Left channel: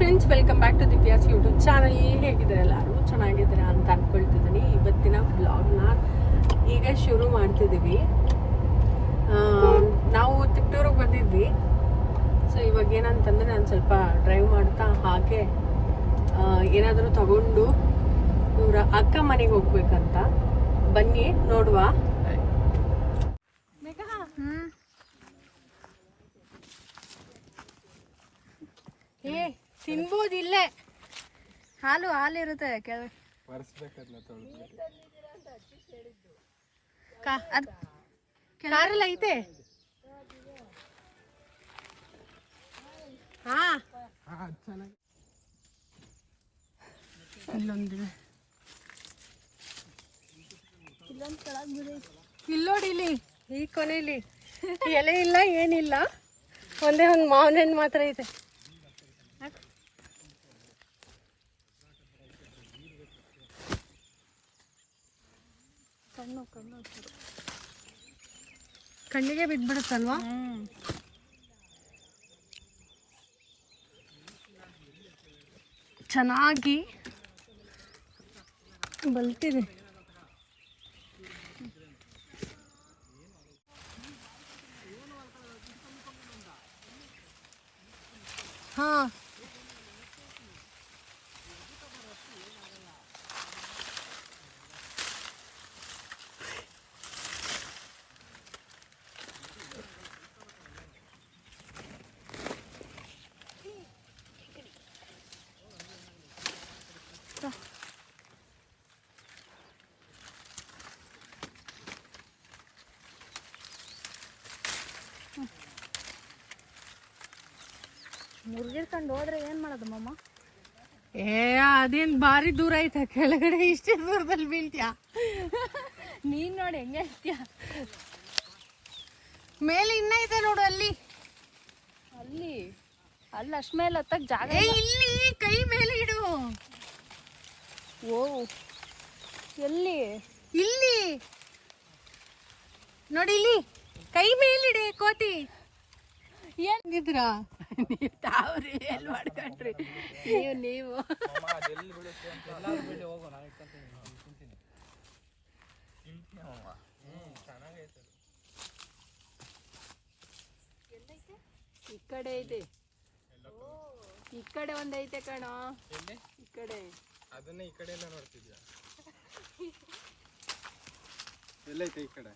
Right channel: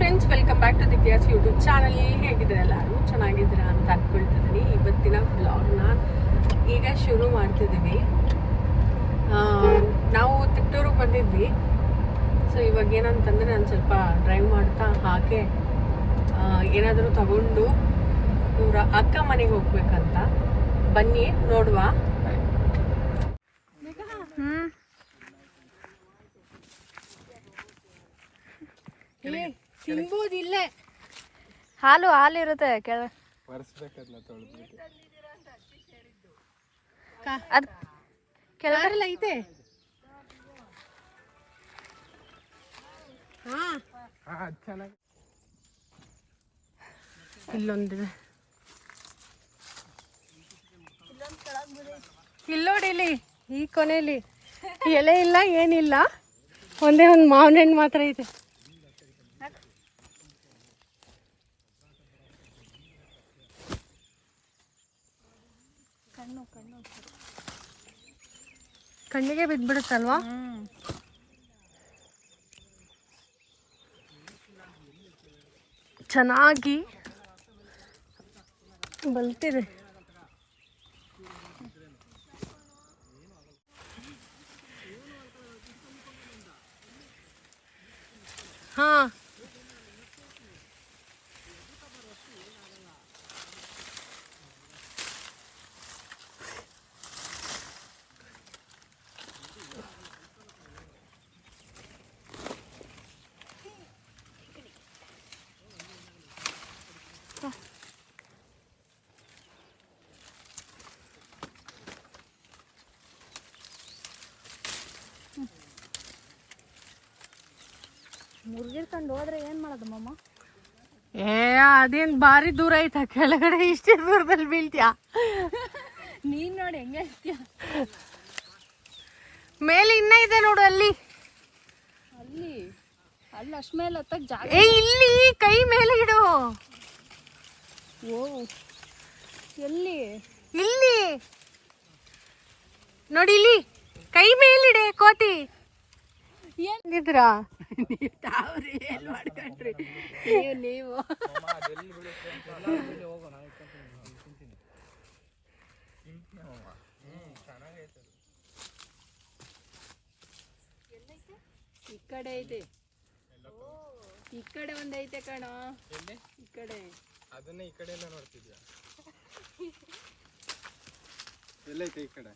Friends, welcome back to Divya's YouTube channel. ಹೇಗಿದ್ದೀರಾ? ಎಲ್ಲರೂ ಚೆನ್ನಾಗಿದ್ದೀರಾ ಅಂತ ಅಂದ್ಕೊಳ್ತಿದ್ದೀನಿ. ಇವತ್ತಿನ ಬ್ಲಾಗ್ನ ಈಗ ಶುರು ಮಾಡ್ತಿದ್ದೀವಿ. ನಾವು ತಿಟ್ಟೂರಿಗೆ ಬಂದಿದ್ವಿ. ಸೊ ಇವಾಗ ಏನಂತಂದರೆ ನಾನು ಸ್ವಲ್ಪ ಡ್ರೈವ್ ಮಾಡ್ತಾ ಹಾಗೆ ಏನಾದರೂ ತಗೊಂಡು ಇವರ ಅಕ್ಕ ಮನೆಗೆ ಹೋಗ್ಬೇಕಂತ. ಬನ್ನಿ ನೋಡುವ. ತಿನ್ಬೋದಿಲ್ಲ, ಹಾಲು ಇರುತ್ತೆ ಕೆಳಗಡೆಲ್ಲ ಐತೆ. ಇಲ್ಲೊಂದಿದೆ, ಇಲ್ಲೋಡಿಲಿ ಈ ಕೊನೆಯಲ್ಲಿ ಎಲೆ ಇಲ್ಲ, ಏನಿಲ್ಲ, ಒಂದೇ ಒಂದು ಮಾವಿನ ಹಣ್ಣು ಮಾತ್ರ ಐತೆ. ಕಣ್ಣಿಗೆ ಬಿದ್ದ್ಬಿಡುತ್ತಲ್ವಾ? ಚೆನ್ನಾಗಿ ಬಲ್ತಿದೆ. ಹಾ, ಮುರ್ಗಿರ್ಕೊಂಡು ಹೋದ್ರೆ ಏನ್ ಮಾಡೋದು ಮಮ್ಮ? ಅದೇನ್ ಭಾರಿ ದೂರ ಐತ, ಕೆಳಗಡೆ ಇಷ್ಟೇ ದೂರದಲ್ಲಿ ಬೀಳ್ತೀಯ. ನೀನ್ ನೋಡಿ ಹೆಂಗೆ ಹೇಳ್ತೀಯ. ಮೇಲೆ ಇನ್ನ ಇದೆ ನೋಡು, ಅಲ್ಲಿ ಅಲ್ಲಿ ಅಷ್ಟ ಮೇಲೆ ಹತ್ತಕ್ ಜಾಗ. ಇಲ್ಲಿ ಕೈ ಮೇಲೆ ಇಡು. ಓ, ಎಲ್ಲಿ? ಇಲ್ಲಿ ನೋಡಿ, ಇಲ್ಲಿ ಕೈ ಮೇಲಿಡೆ. ಕೋತಿ ಏನಿದ್ರಾ ತಾವ್ರಿ ಎಲ್ಲಿ ಮಾಡ್ಕೊಂಡ್ರಿ ನೀವು? ಈ ಕಡೆ ಐತೆ, ಈ ಕಡೆ ಒಂದೈತೆ ಕಣೋ. ಈ ಕಡೆ ಅದನ್ನ ಈ ಕಡೆ ಎಲ್ಲ ನೋಡ್ತಿದ್ಯಾ? ಎಲ್ಲೈತೆ ಈ ಕಡೆ?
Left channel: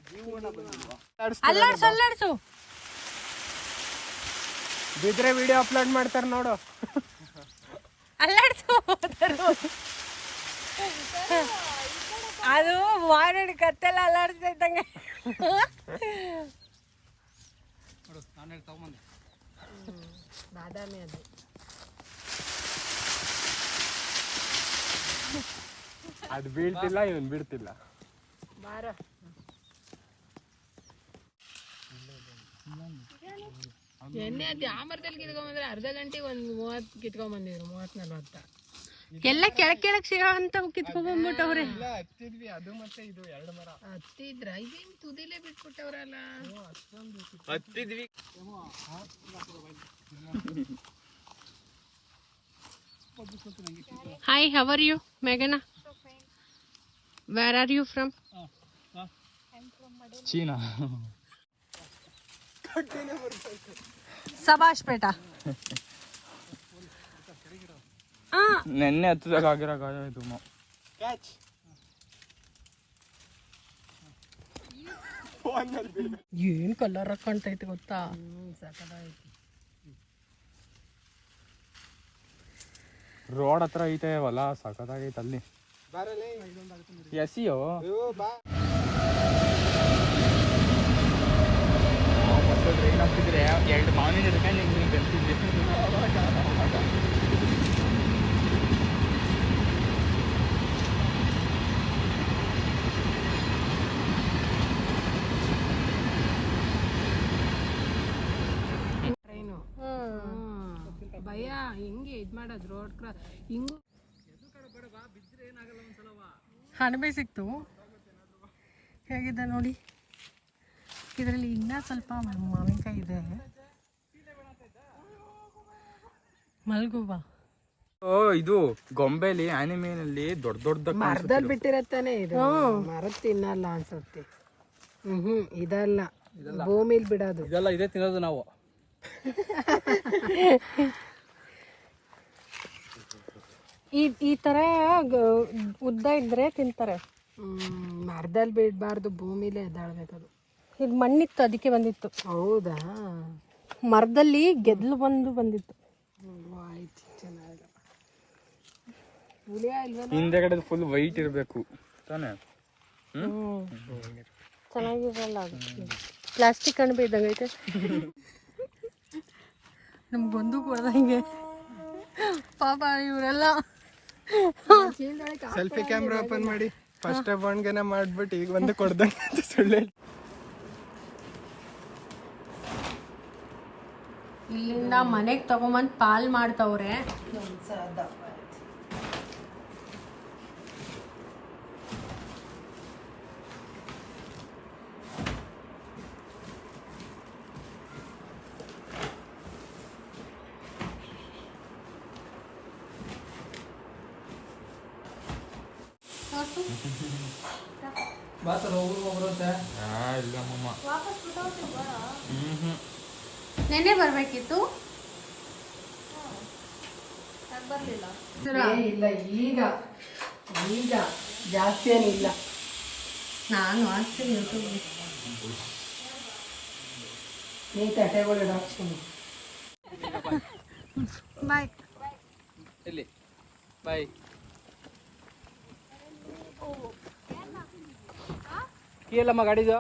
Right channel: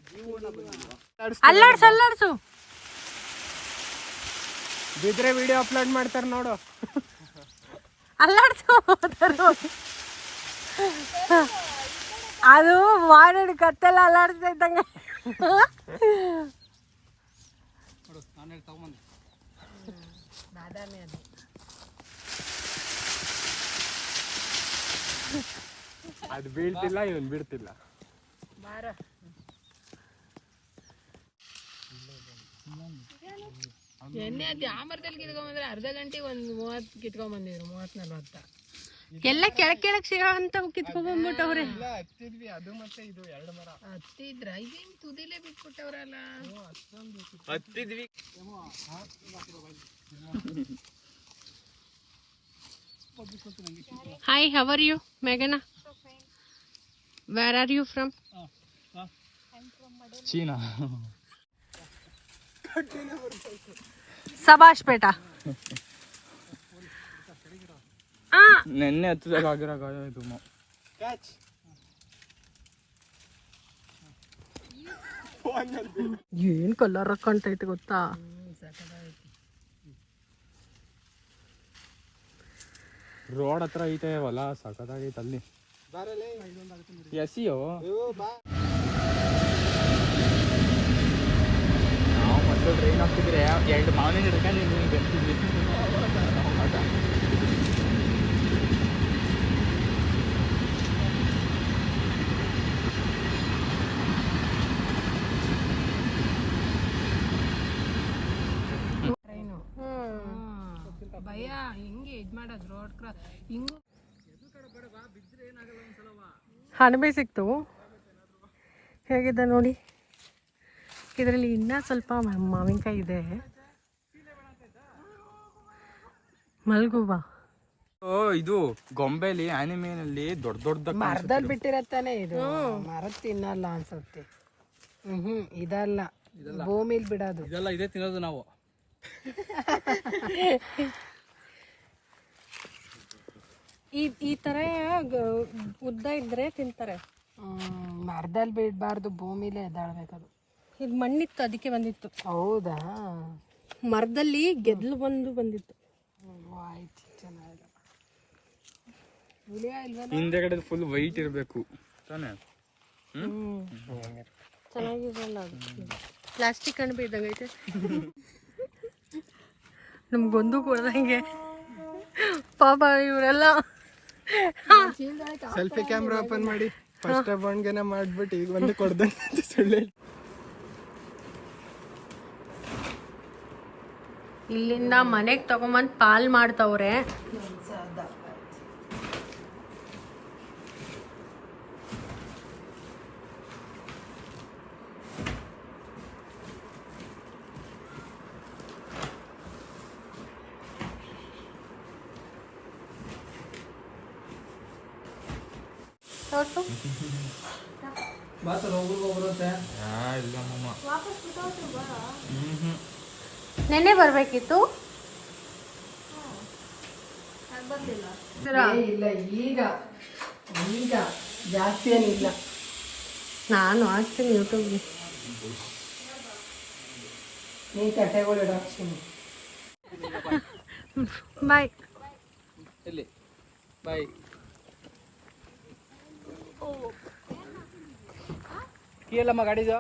ಅಲ್ಲಾಡ್ಸು. ಬಿದ್ರೆ ವಿಡಿಯೋ ಅಪ್ಲೋಡ್ ಮಾಡ್ತಾರೆ ನೋಡು. ಅಲ್ಲಾಡ್ಸು. ಅದು ಮಾಡಿ ಕತ್ತೆಲ್ಲ ಅಲ್ಲಾಡ್ಸ್ತಾ ಇದ್ದಂಗೆ. ಅದು ಬೀಳ್ತಿಲ್ಲ, ಇವನ್ ಬಿಡ್ತಿಲ್ಲ. ಎಣ್ಣೆ ಅದು ಆಮರದಲ್ಲಿ ಕಿತ್ಕೊಂಡ್ಬಂದ್ರೆ ಅರ್ಧ ಗಂಟೆಗೆ ಒಂದು 30 ಕಿತ್ಕೊಂಡ್ಬಂದಿದ್ರು, 30-40 ಎಲ್ಲ ಕೆಳಕ್ ಸಿಗೋ ಅಂತ ಕಿತ್ಕೊಂಡ್ಬಂದ್ಬಿಟ್ಟವ್ರೆ. ಹತ್ತಿದ್ವಿ, ಅದು ಮತ್ತೆ ಇದು ಎರಡು ಮರ ಹತ್ತಿದ್ರ ಇದೇನ್ ತುದಿಲೇ ಬಿಟ್ಬಿಟ್ಟವ್ರಲ್ಲ. ಹತ್ತಿದ್ವಿ. ಹಾಯ್, ಹೌ ಆರ್ ಯು ಮೇಘನಾ? Where are you from? China. ಸಬಾಷ್ ಬೇಟ. ನೆನ್ನೆ ಹತ್ತದಾಗ ಆಗಿರೋ ಗಾಯ ಇದು. ಏನ್ ಕಲರ್ ಕಾಣ್ತೈತೆ ಗೊತ್ತಾ? ರೋಡ್ ಹತ್ರ ಐತೆ ಹೊಲ, ಸಖತ್ತಾಗೈತೆ ಅಲ್ಲಿ. ಎಸಿಯೋ ನಾವು ಮೊದಲು ಟ್ರೈನ್ ಹಾಕ್ತಿದ್ರೆ 2 ಮಾವಿನ ಹಿಡ್ಕೊಂಡು ನಿಮ್ಗೆ ಗಂತಿದ್ವಿ. ಭಯ ಹಿಂಗೆ ಇದ್ ಮಾಡೋದು ರೋಡ್ ಕ್ರಾಸ್ ಹಿಂಗು. ಹಣಬೆ ಸಿಕ್ತು. ಹೇಗಿದೆ ನೋಡಿ. ಇದರಲ್ಲಿ ಇನ್ನೂ ಸ್ವಲ್ಪ ಮಾವಿನಕಾಯಿ ಇದೆ. ಮಲ್ಗುವ ಇದು ಗೊಂಬೆಲಿ ಆನಿಮೇನಲ್ಲಿ ದೊಡ್ಡ ದೊಡ್ಡ ಮರದಲ್ಲಿ ಬಿಟ್ಟಿರತ್ತಾನೆ ಇದು ಮರದ ತಿನ್ನಲ್ಲ ಅನ್ಸುತ್ತೆ. ಇದಲ್ಲ, ಭೂಮಿಲ್ ಬಿಡೋದು. ಇದೆಲ್ಲ ಇದೇ ತಿನ್ನೋದು ನಾವು. ಈ ತರ ಉದ್ದ ಇದ್ರೆ ತಿಂತಾರೆ. ಮರದಲ್ಲಿ ಬಿಡಬಾರ್ದು, ಭೂಮಿಲೇ ಎದ್ದಾಳ್ಬೇಕದು. ಇದು ಮಣ್ಣಿತ್ತು ಅದಕ್ಕೆ ಬಂದಿತ್ತು. ಹೌದಾ? ಮರದಲ್ಲಿ ಗೆದ್ಲು ಬಂದಿತ್ತು. ಆಯ್ತು, ಚೆನ್ನಾಗಿ. ಹಿಂದೆಗಡೆ ಫುಲ್ ವೈಟ್ ಇರಬೇಕು ತಾನೇ. ಚೆನ್ನಾಗಿರಲ್ಲ ಅದು. ಪ್ಲಾಸ್ಟಿಕ್ ಅಣಬೆ ಇದ್ದಂಗೆ ಐತೆ. ನಮ್ಗೊಂದು ಕೊಡ್ದಂಗೆ ಪಾಪ ಇವರೆಲ್ಲ. ಸೆಲ್ಫಿ ಕ್ಯಾಮ್ರಾ ಓಪನ್ ಮಾಡಿ ಫಸ್ಟ್ ಅಬೌಂಡ್ಗೆನ ಮಾಡ್ಬಿಟ್ಟು ಈಗ ಒಂದು ಕೊಡ್ದಂಗೆ ಸುಳ್ಳು. ಇಲ್ಲಿಂದ ಮನೆಗೆ ತಗೊಂಬಂದು ಪಾಲ್ ಮಾಡ್ತವ್ರೆ. ಇಲ್ಲ ಮಮ್ಮ. ನೆನ್ನೆ ಬರ್ಬೇಕಿತ್ತು. ಇಲ್ಲ, ಈಗ ಜಾಸ್ತಿ ಏನಿಲ್ಲ. ನಾನು ಹಾಕ್ತೀನಿ ಯೂಟ್ಯೂಬ್. ನೀನು ತಟ್ಟೆಗಳು ಹಾಕ್ತೀನಿ. ಬಾಯ್. ಇಲ್ಲಿ ಬಾಯ್. ಕೀ ಎಲ್ಲಮ್ಮ ಗಾಡಿದು.